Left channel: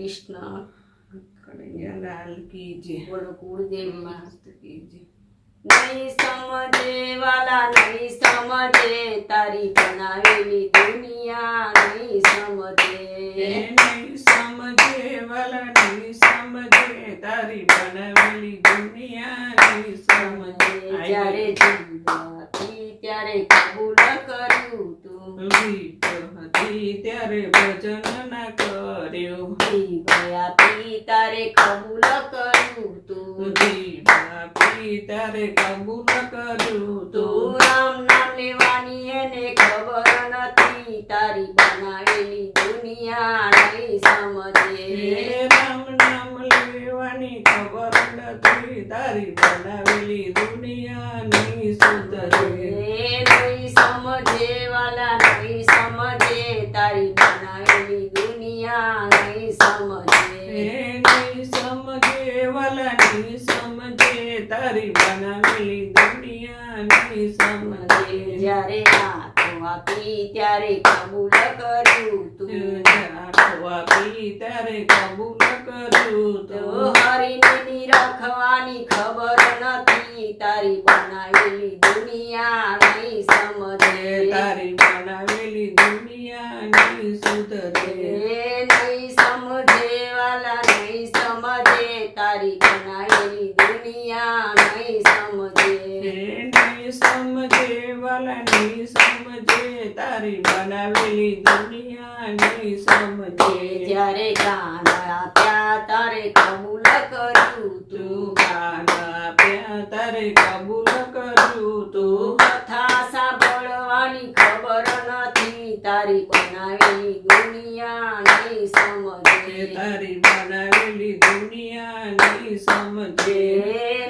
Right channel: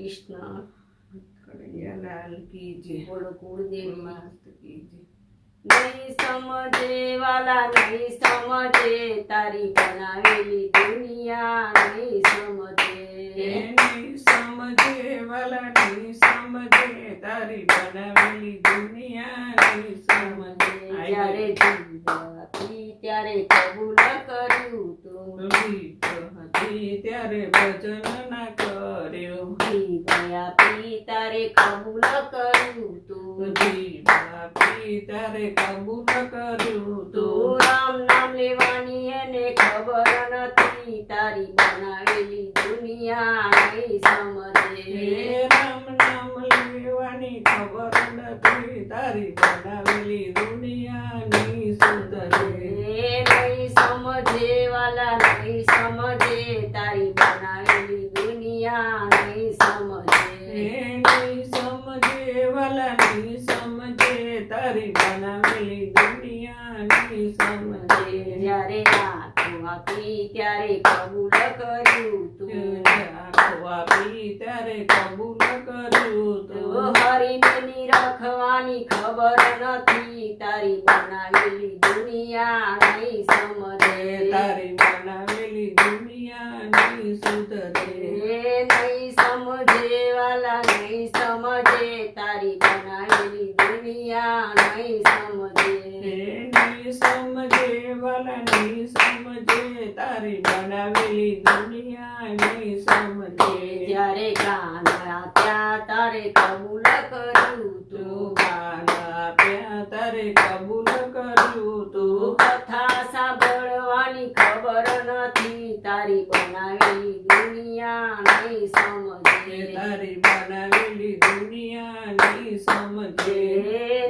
कृष्ण कन्हैया लाल की जय। बोलो कुलदेव मस्त की जय। नहीं समझे वाला नहीं समझे तारी बनावेली दुनिया नहीं समझे नहीं समझे वाला नहीं समझे तारी बनावेली दुनिया नहीं समझे જ્યારે જીવતી ત્યારે કબૂલ કર્યું તું વીત હતી ત્યારે ભજન ના કર્યો ગયા પી તારે કબૂલ કર્યું તું ત્યારે કબૂલ કર્યું તું રામ નામ લેવાની એને ખબર નથી તારી બનાવેલી દુનિયા નહીં સમજે રામ નામ લેવાની ખબર નથી તારી બનાવેલી દુનિયા નહીં સુધરે નહીં સમજે વાલા નહીં સમજે તારી બનાવેલી દુનિયા નહીં સમજે નહીં સમજે વાલા નહીં સમજે તારી બનાવેલી દુનિયા નહીં સમજે જ્યારે આંખો આપી ત્યારે કબૂલ કર્યું તું આપી ત્યારે કબૂલ કર્યું તો તો હરીને નિરખવાની ખબર નથી તારી બનાવેલી દુનિયા નહીં સમજે તારી બનાવેલી દુનિયા નહીં સુધરે નહીં સમજે વાલા નહીં સમજે તારી બનાવેલી દુનિયા નહીં સમજે નહીં સમજે વાલા નહીં સમજે તારી બનાવેલી દુનિયા નહીં સમજે જ્યારે કાનડા ત્યાં તારે કબૂલ કર્યું તું તું ગાન આપ્યા તારે કબૂલ કર્યું તું કથા સાંભળવાની ખબર નથી તારી બનાવેલી દુનિયા નહીં સમજે તારી બનાવેલી દુનિયા નહીં સમજે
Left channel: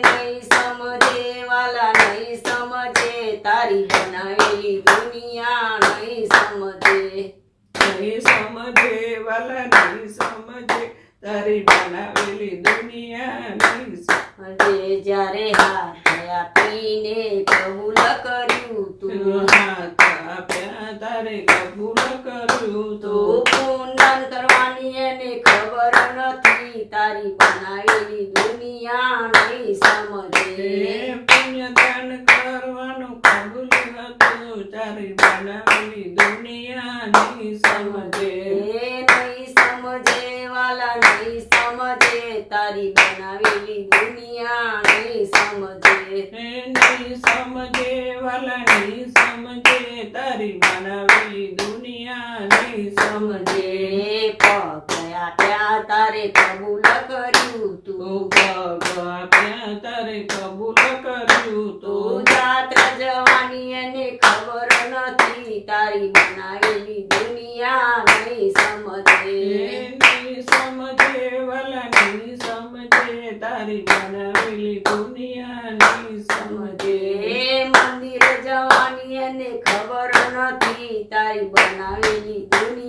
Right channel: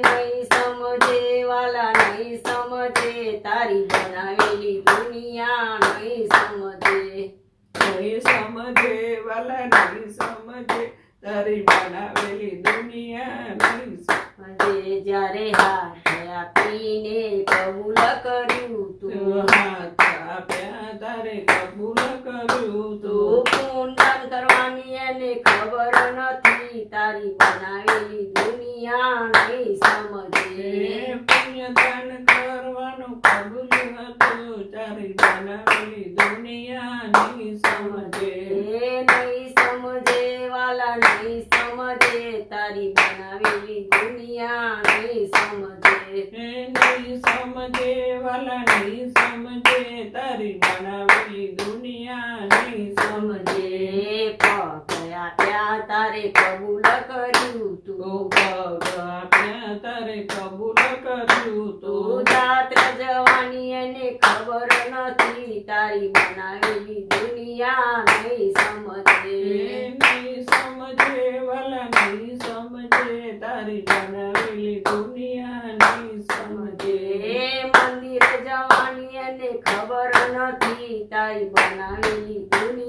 નહીં સમજે વાલા નહીં સમજે તારી બનાવેલી દુનિયા નહીં સમજે નહીં સમજે વાલા નહીં સમજે તારી બનાવેલી દુનિયા નહીં સમજે જ્યારે હાથ આપીને કબૂલ કર્યું તું હાથ આપ્યા તારે કબૂલ કર્યું તું તું પુણ્યદાન કરવાની એને ખબર નથી તારી બનાવેલી દુનિયા નહીં સમજે પુણ્યદાન કરવાનું કબૂલ હતું તારી બનાવેલી દુનિયા નહીં સમજે નહીં સમજે વાલા નહીં સમજે તારી બનાવેલી દુનિયા નહીં સમજે નહીં સમજે વાલા નહીં સમજે તારી બનાવેલી દુનિયા નહીં સમજે પગ આપ્યા તારે કબૂલ કર્યું તું પગ આપ્યા તારે કબૂલ કર્યું તું તું જાત્રા જવાની એને ખબર નથી તારી બનાવેલી દુનિયા નહીં સમજે નહીં સમજે વાલા નહીં સમજે તારી બનાવેલી દુનિયા નહીં સમજે મંદિર જવાની એને ખબર નથી તારી બનાવેલી દુનિયા